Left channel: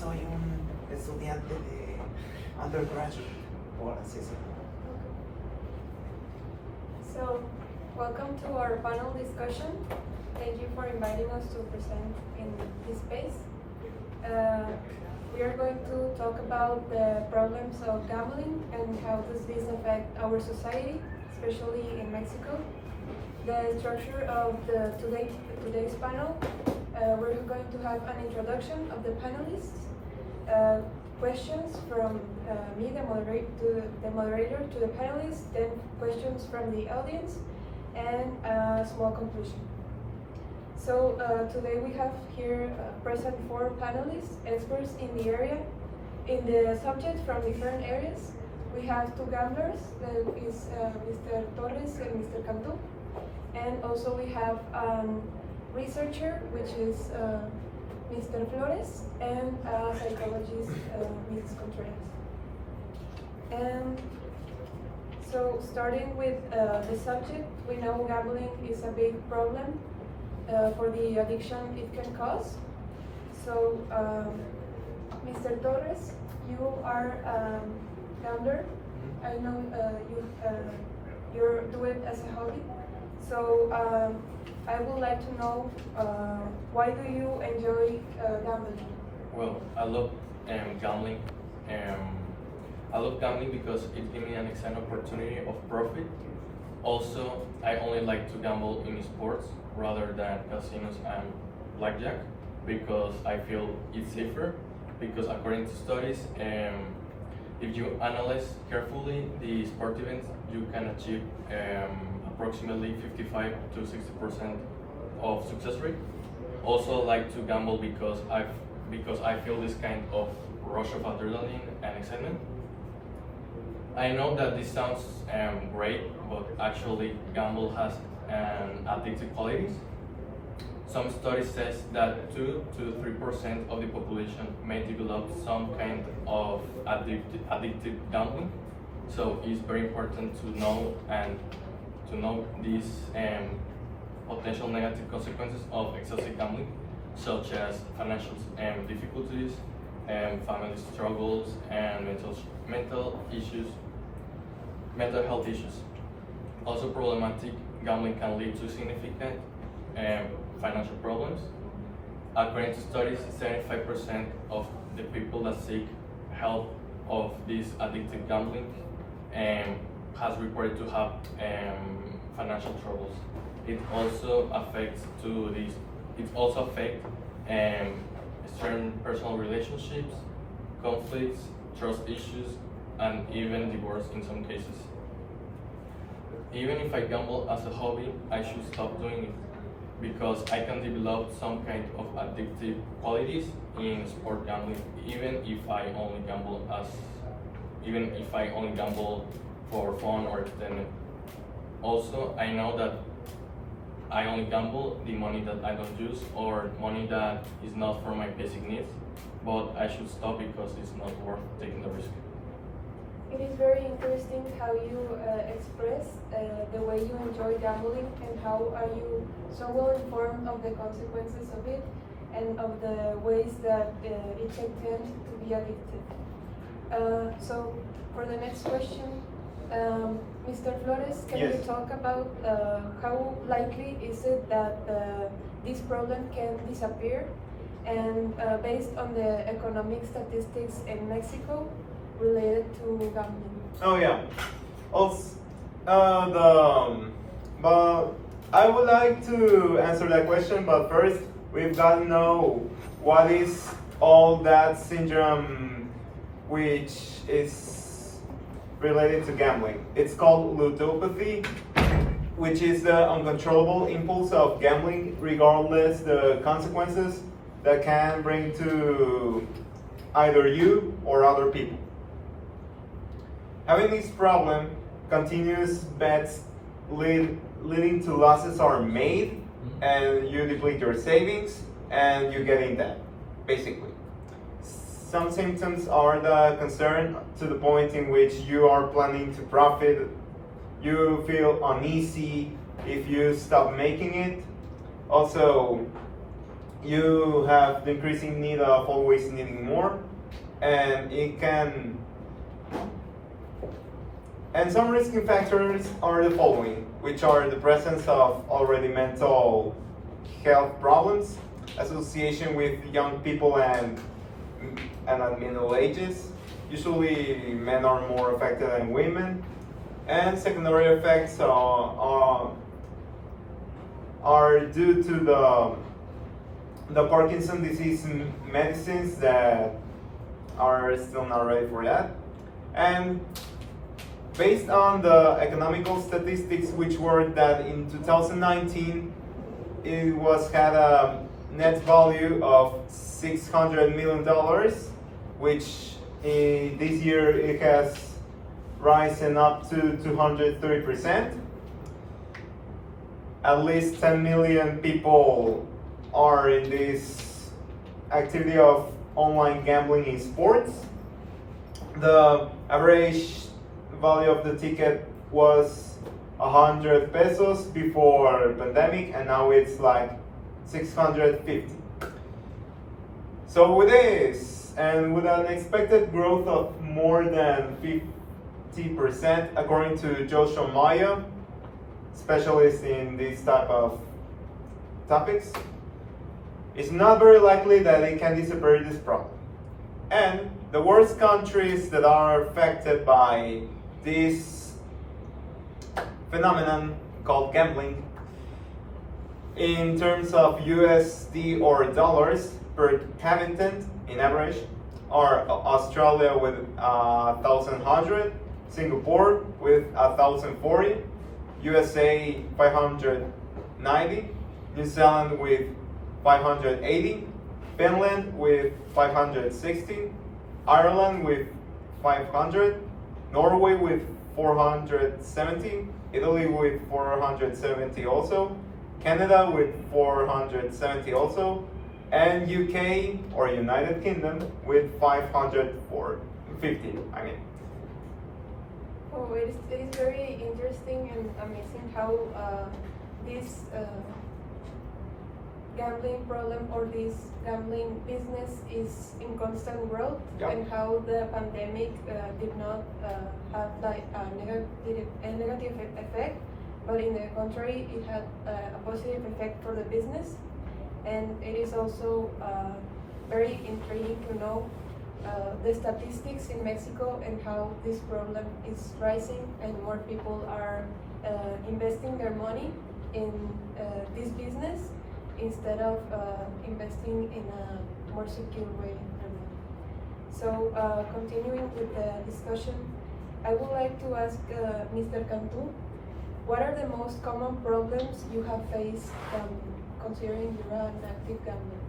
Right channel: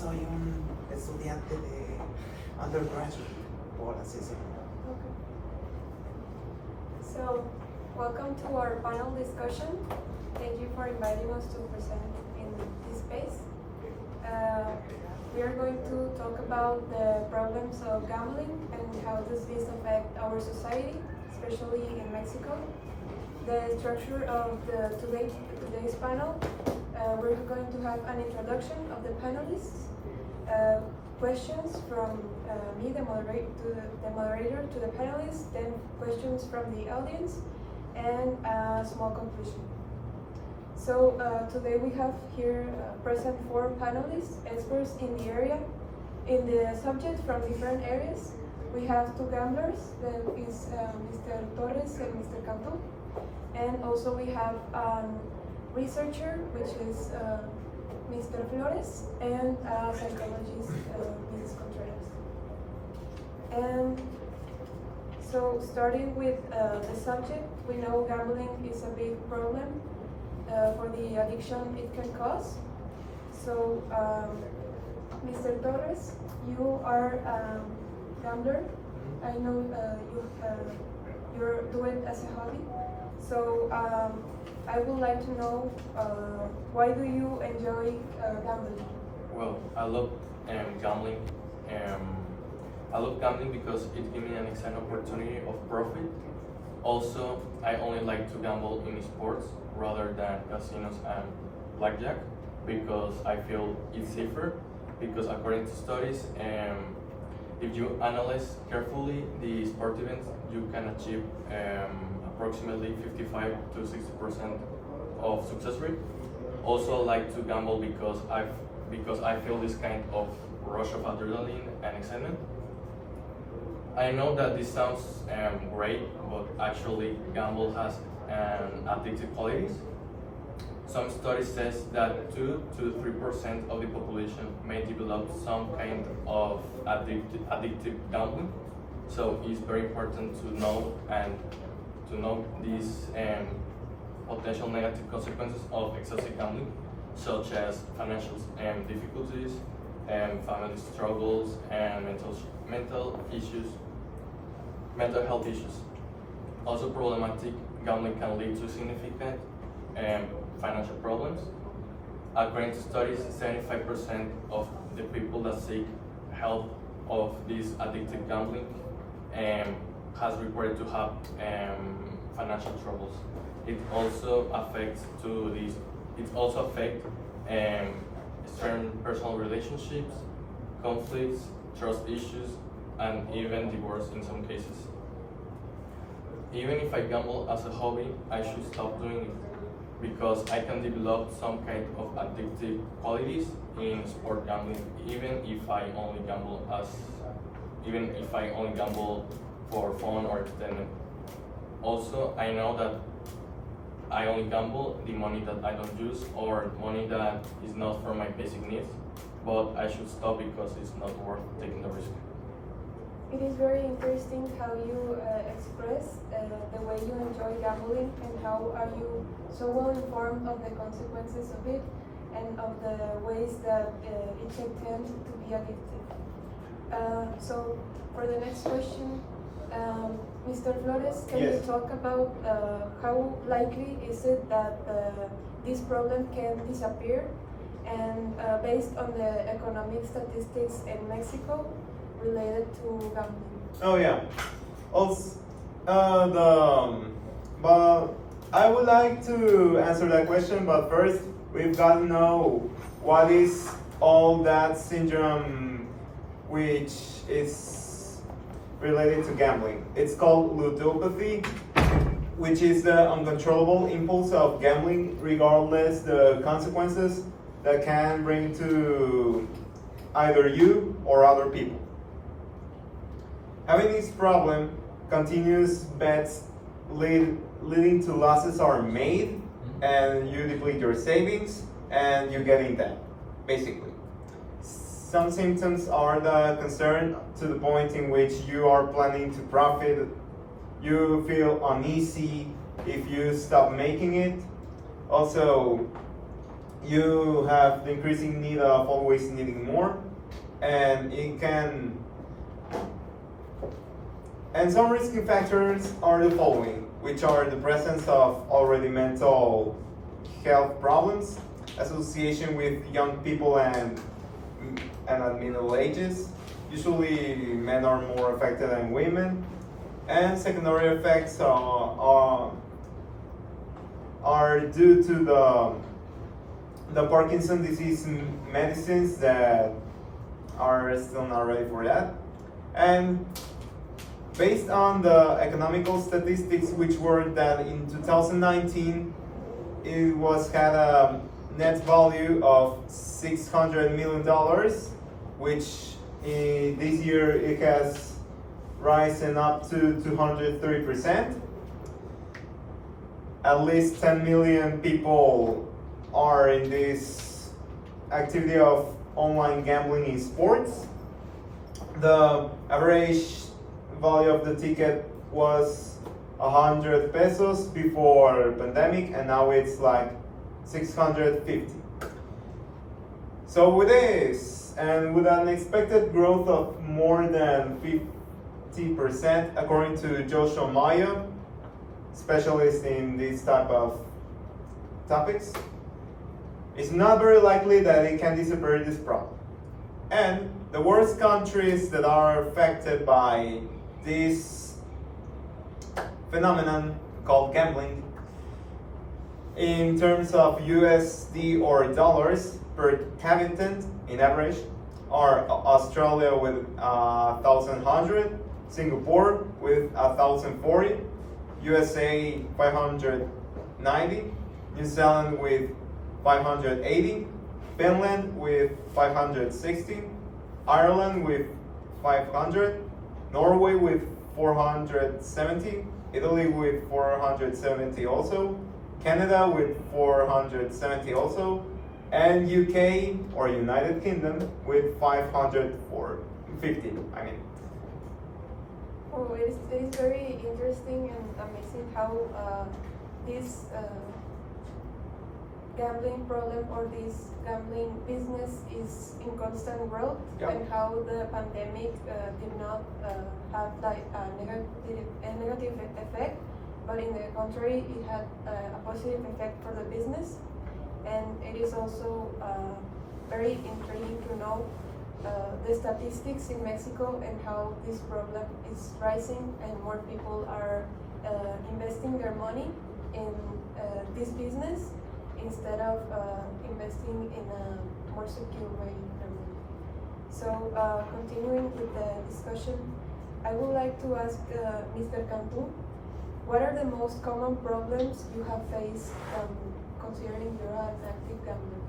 soy un estudiante de undergraduate, por así decirlo. Okay. So, welcome to our panel discussion. Thank you for inviting us to present in this space. We are going to talk about the problems of gambling and how does this affect our society, especially in Mexico. The structure of today's panel, we're going to have an introduction of the panelists, questions from me, the moderator, to the panelists, then questions from the audience, and a small conclusion. So today we have here present 4 panelists, experts in the area, in the subject from different areas. We have 2 gamblers, that is Mr. Torres and Mr. Cantu. And also we have a researcher, which is Mr. Flores, and a psychologist, Mrs. Contreras. And so starting with the subject, we know gambling is a big problem for the addiction it can cause. So Mr. Torres, you are a gambler. I know you do it as a hobby. So I would like to know why do you enjoy gambling? Well, I love gambling. I love gambling because it gives me an excellent opportunity of profit. Also, I only like to gamble in sports rather than casinos and blackjack because I feel it's safer. Because according to studies, if you analyze carefully the sport events, you can achieve approximately 55 to 60% of success rate. Also, I like to gamble because I feel this kind of rush of adrenaline and excitement. I know that this sounds great, but actually gamble has addictive qualities. Some studies says that 2 to 3% of the population may develop some kind of addictive gambling. So it's very important to know these potential negative consequences of excessive gambling, such as financial difficulties, family struggles, and mental health issues. Also, problematic gambling can lead to significant financial problems. According to studies, 75% of the people that seek help of this addictive gambling has reported to have financial troubles. It also affects certain personal relationships, conflicts, trust issues, and even divorce in some cases. Even if I gamble as a hobby, I should stop doing it because I can develop some kind of addictive qualities in sport gambling, even if I only gamble for fun or entertainment. Also, I know that I only gamble the money that I don't use or money that is not for my basic needs, but I should stop because it's not worth taking the risk. It is very interesting how you express the way you enjoy gambling and how are you so well informed of the consequences of it and of the ways that it can tend to be addictive. So for the next question, Mr. Flores, can Yes. you talk about how likely is it that this problem can disappear? And based on the economic statistics in Mexico related to gambling. Oh yeah. Also, but I would like to answer that question. But first, we've got to know what is all that syndrome, which is related to gambling. It's called ludopathy, which is the uncontrollable impulse of gambling, regardless the consequences that can bring to either you or other people. Having this problem, continuous bets leading to losses are made, and you deplete your savings, and you get in debt, basically. Some symptoms are the concern to the point in which you are planning to profit. You feel uneasy if you stop making it. Also, you have the increasing need of always needing more, and it can. And some risking factors are the following, which are the presence of already mental health problems, association with young people and at middle ages. Usually men are more affected than women. And secondary effects are due to the Parkinson disease medicines that are still not ready for that. And based on the economical statistics, which were that in 2019 it had a net value of $600 million, which this year it has risen up to 230%. At least 10 million people are in this activity of online gambling in sports. The average value of the ticket was 100 pesos before pandemic, and now it's like 650. So with this, and with an expected growth of more than 50%, according to Joshua Maya, specialist in this type of topics, it's not very likely that it can disappear this problem. And the worst countries that are affected by this phenomenon called gambling, in terms of USD or dollars per habitant in average, are Australia with 1,100, Singapore with 1,040, USA 590, New Zealand with 580, Finland with 560, Ireland with 500, Norway with 470, Italy with 470 also, Canada with 470 also, and UK or United Kingdom with 550. I mean. Oh, it is very interesting and amazing how this gambling problem or this gambling business is in constant growth, Yeah. and how the pandemic did not have like a negative effect, but in the contrary, it had a positive effect for the business. And it is also very intriguing to know the statistics in Mexico and how this problem is rising, and more people are investing their money in this business instead of investing in a more secure way. So continuing with the discussion, I would like to ask Mr. Cantu, what are the most common problems you have faced considering you're an active gambler?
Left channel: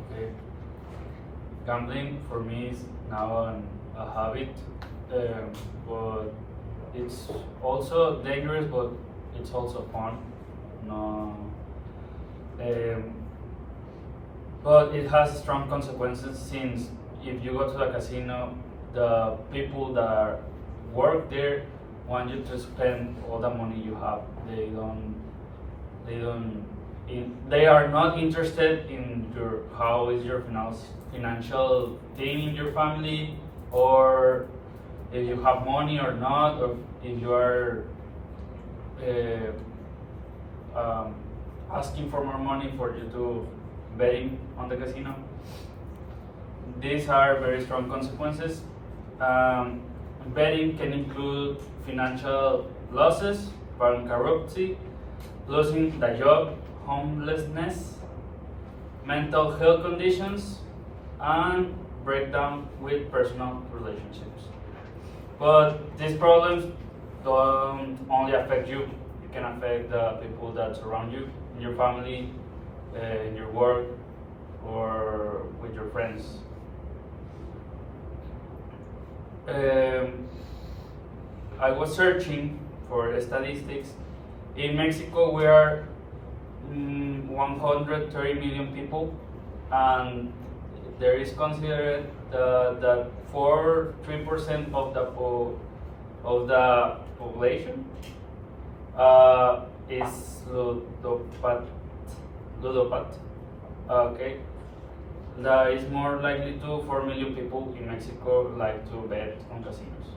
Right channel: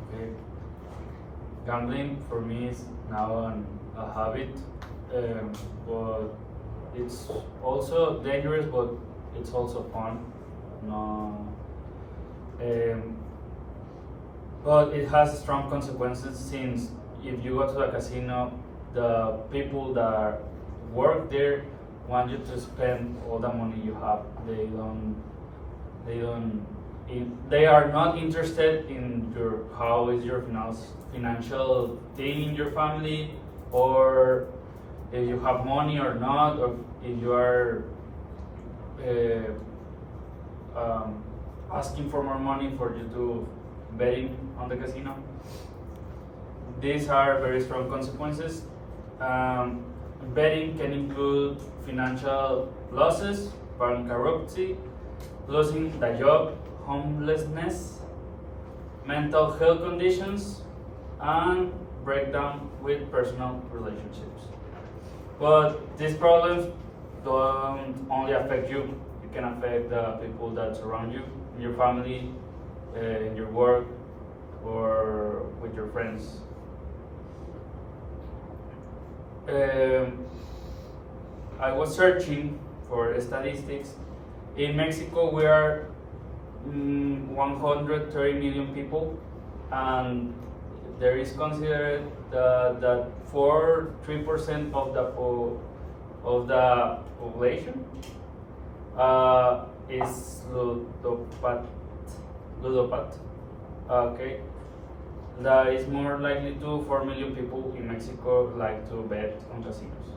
Okay. Gambling for me is now a habit, but it's also dangerous, but it's also fun. No, but it has strong consequences, since if you go to the casino, the people that work there want you to spend all the money you have. They are not interested in how is your financial thing in your family, or if you have money or not, or if you are asking for more money for you to betting on the casino. These are very strong consequences. Betting can include financial losses, bankruptcy, losing the job, homelessness, mental health conditions, and breakdown with personal relationships. But these problems don't only affect you, it can affect the people that surround you, in your family, in your work, or with your friends. I was searching for statistics. In Mexico, we are 130 million people, and there is considered that 3% of the population is ludopath. Okay. That is more likely to 4 million people in Mexico like to bet on casinos.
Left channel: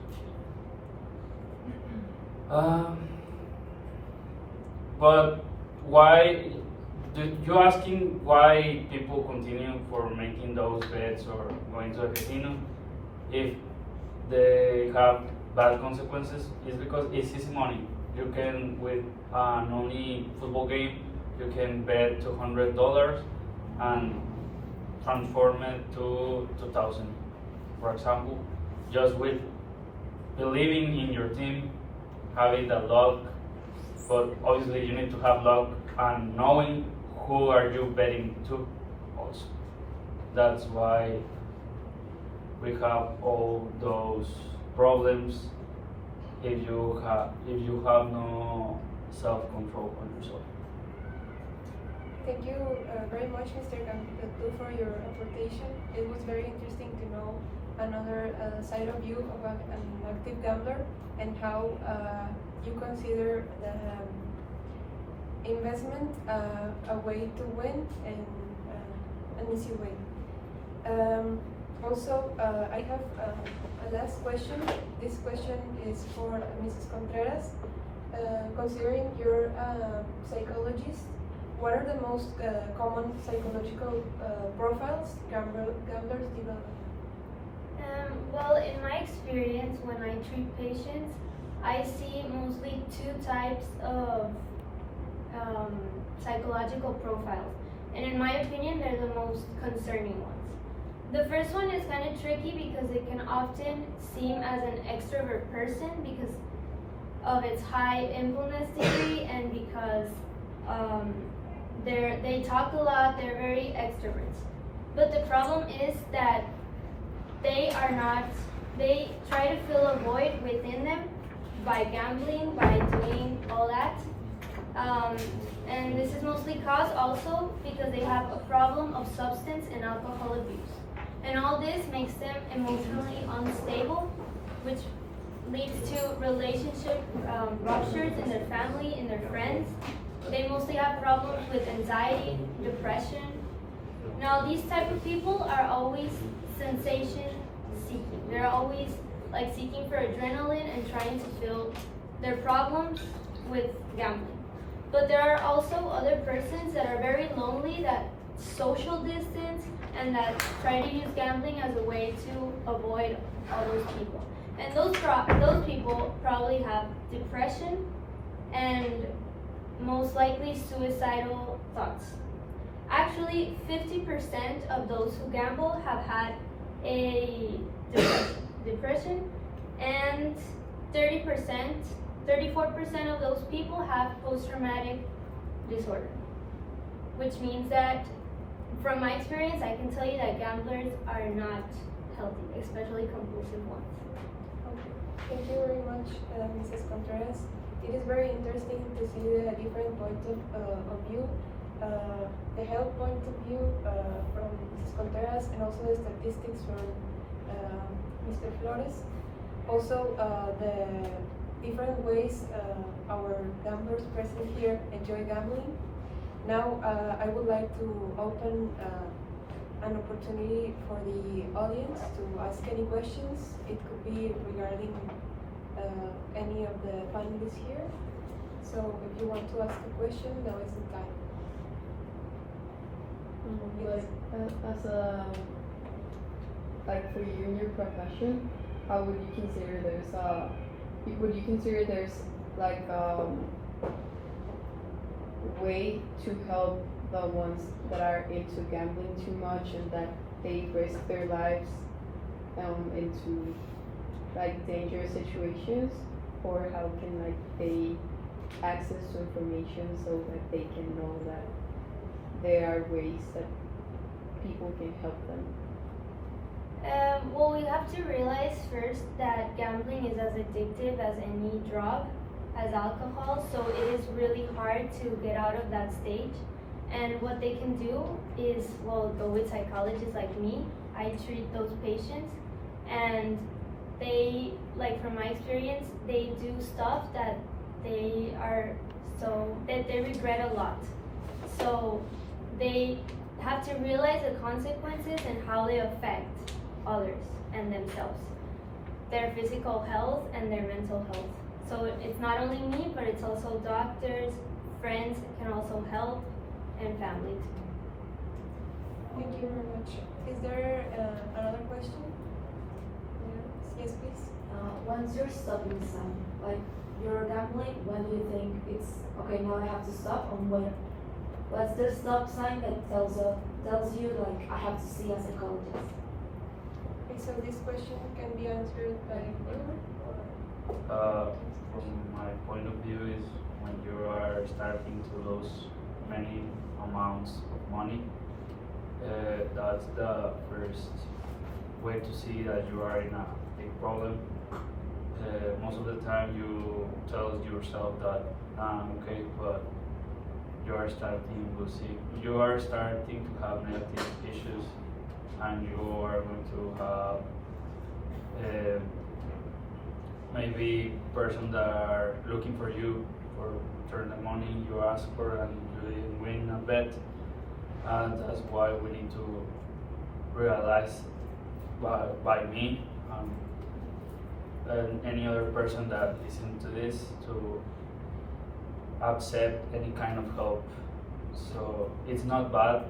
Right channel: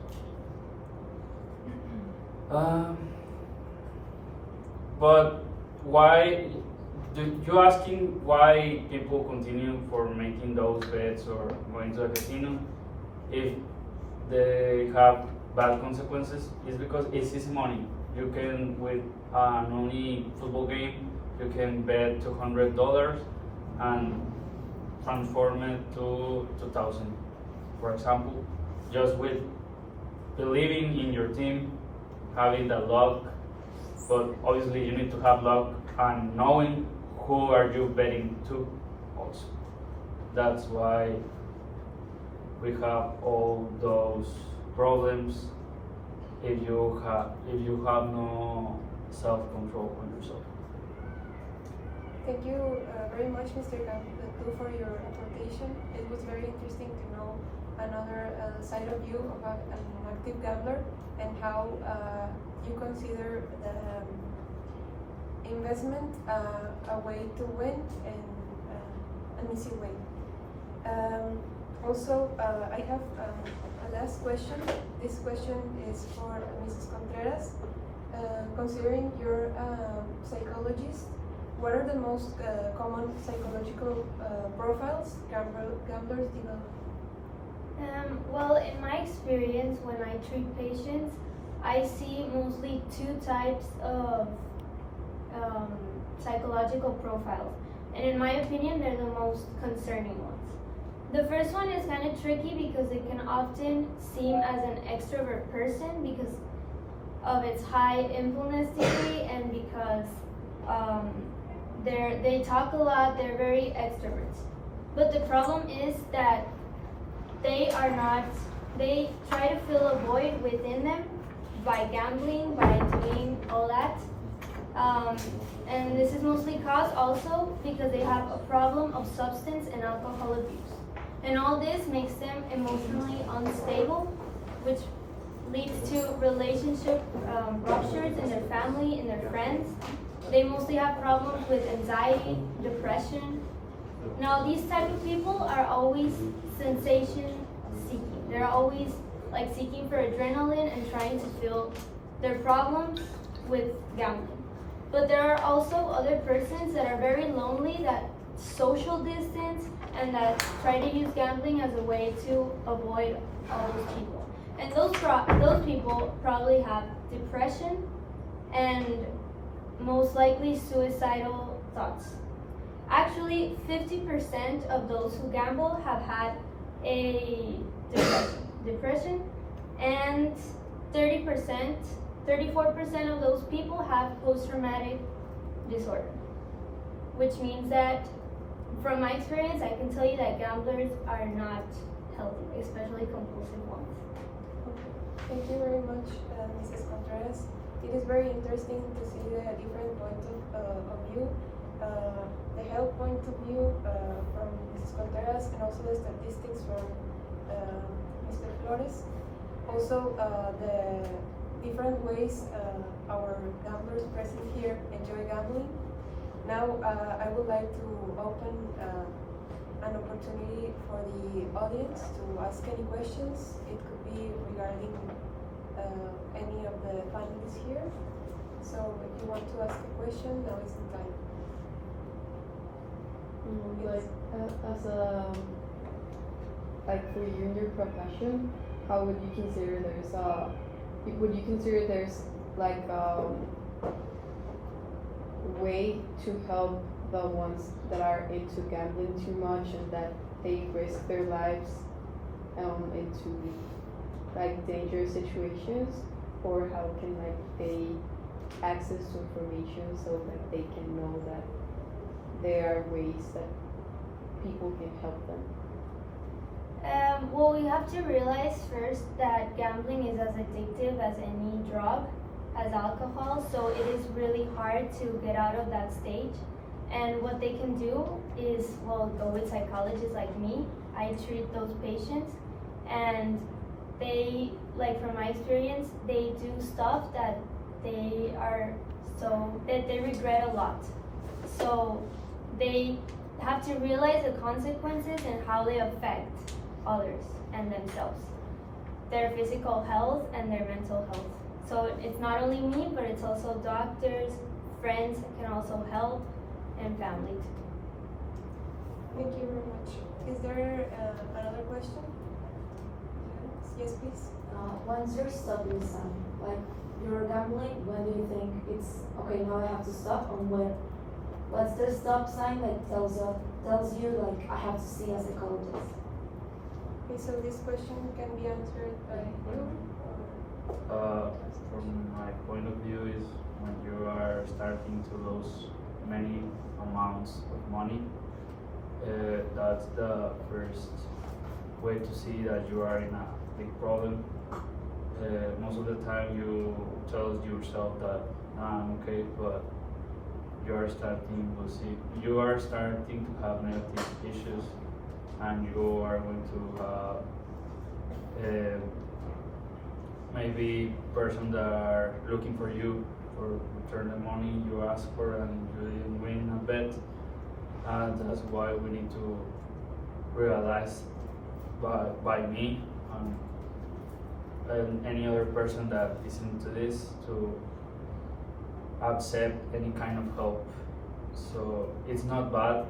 Um, but why? You asking why people continue for making those bets or going to a casino if they have bad consequences? Is because it's easy money. You can with an only football game, you can bet $200 and transform it to 2,000, for example, just with believing in your team, having the luck. But obviously, you need to have luck and knowing who are you betting to. Also, that's why we have all those problems if you have no self-control on yourself. Thank you very much, Mr. Cantu, for your apportation. It was very interesting to know another side of you of an active gambler and how you consider the investment a way to win and an easy way. Also, I have a last question. This question is for Mrs. Contreras. Considering you're a psychologist, what are the most common psychological profiles gamblers develop? Well, in my experience, when I treat patients, I see mostly two types of psychological profiles. And in my opinion, they're the most concerning ones. The first one is kind of tricky because it can often seem as an extrovert person because of its high impulsivity and because they talk a lot, they're very extroverts. But the problem is that they try to fill a void within them by gambling, by doing all that. And this is mostly caused also because they have a problem of substance and alcohol abuse. And all this makes them emotionally unstable, which leads to relationship ruptures in their family, in their friends. They mostly have problems with anxiety, depression. Now, these type of people are always sensation seeking. They're always like seeking for adrenaline and trying to fill their problems with gambling. But there are also other persons that are very lonely, that social distance, and that try to use gambling as a way to avoid all those people. And those people probably have depression and most likely suicidal thoughts. Actually, 50% of those who gamble have had a depression, and 34% of those people have post-traumatic disorder, which means that from my experience, I can tell you that gamblers are not healthy, especially compulsive ones. Okay. Thank you very much, Mrs. Contreras. It is very interesting to see the different point of view, the health point of view from Mrs. Contreras, and also the statistics from Mr. Flores. Also, the different ways our gamblers present here enjoy gambling. Now, I would like to open an opportunity for the audience to ask any questions. It could be regarding any of the finalists here. So if you want to ask a question, now is the time. Yes. Like for you in your profession, how would you consider there's like way to help the ones that are into gambling too much and that they risk their lives into like dangerous situations, or how can like they access to information so that they can know that there are ways that people can help them? Well, we have to realize first that gambling is as addictive as any drug, as alcohol, so it is really hard to get out of that stage. And what they can do is, well, go with psychologists like me. I treat those patients, and they, like from my experience, they do stuff that they regret a lot. So they have to realize the consequences and how they affect others and themselves, their physical health and their mental health. So it's not only me, but it's also doctors, friends can also help, and family too. Thank you very much. Is there another question? Yes, please. Once you're stopping some, like you're gambling, when do you think it's okay? Now I have to stop. And what's the stop sign that tells you like I have to see a psychologist? Okay, so this question can be answered by you From my point of view is when you are starting to lose many amounts of money, that's the first way to see that you are in a big problem. Most of the time you tell yourself that I'm okay, but you are starting to have negative issues, and you are going to have maybe person that are looking for you for return the money you ask for and you didn't win a bet, and that's why we need to realize by me and any other person that is into this to accept any kind of help. So it's not bad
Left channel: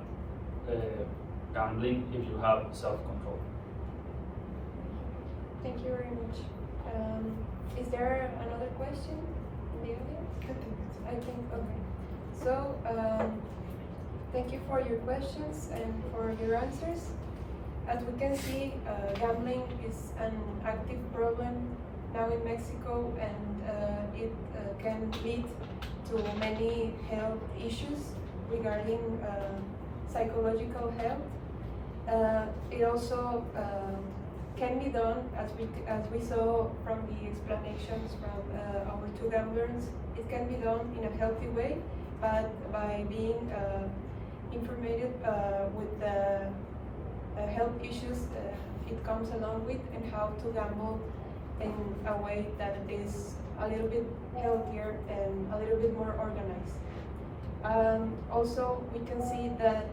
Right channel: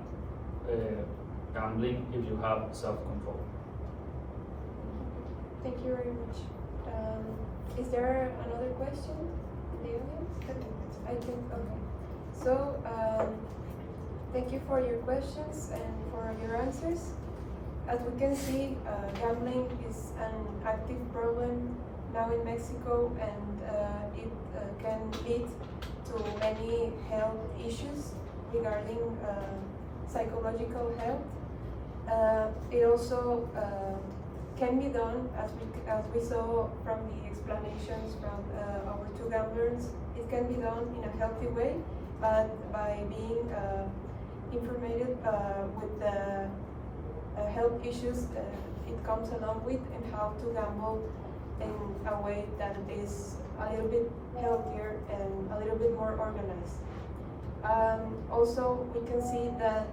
gambling if you have self-control. Thank you very much. Is there another question in the audience? I think, okay. So, thank you for your questions and for your answers. As we can see, gambling is an active problem now in Mexico, and it can lead to many health issues regarding psychological health. It also can be done, as we saw from the explanations from our two gamblers. It can be done in a healthy way, but by being informated with the health issues it comes along with, and how to gamble in a way that is a little bit healthier and a little bit more organized. Also, we can see that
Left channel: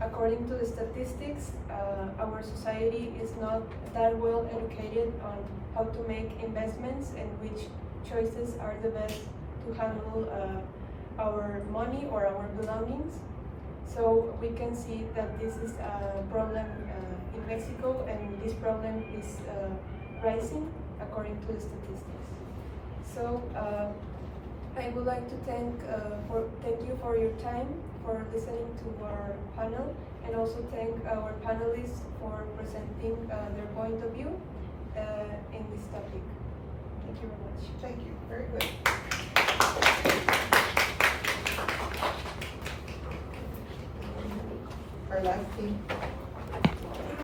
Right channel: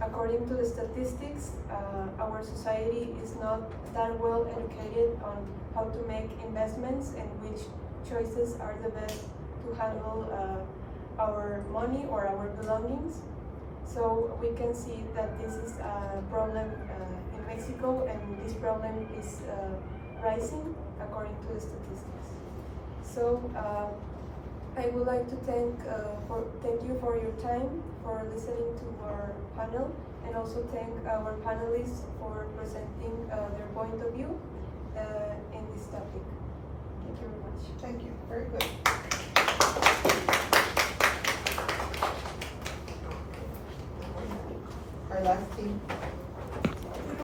according to the statistics, our society is not that well educated on how to make investments and which choices are the best to handle our money or our belongings. So we can see that this is a problem in Mexico, and this problem is rising according to the statistics. So I would like to thank you for your time, for listening to our panel, and also thank our panelists for presenting their point of view in this topic. Thank you very much. Thank you. Very good. Our last team.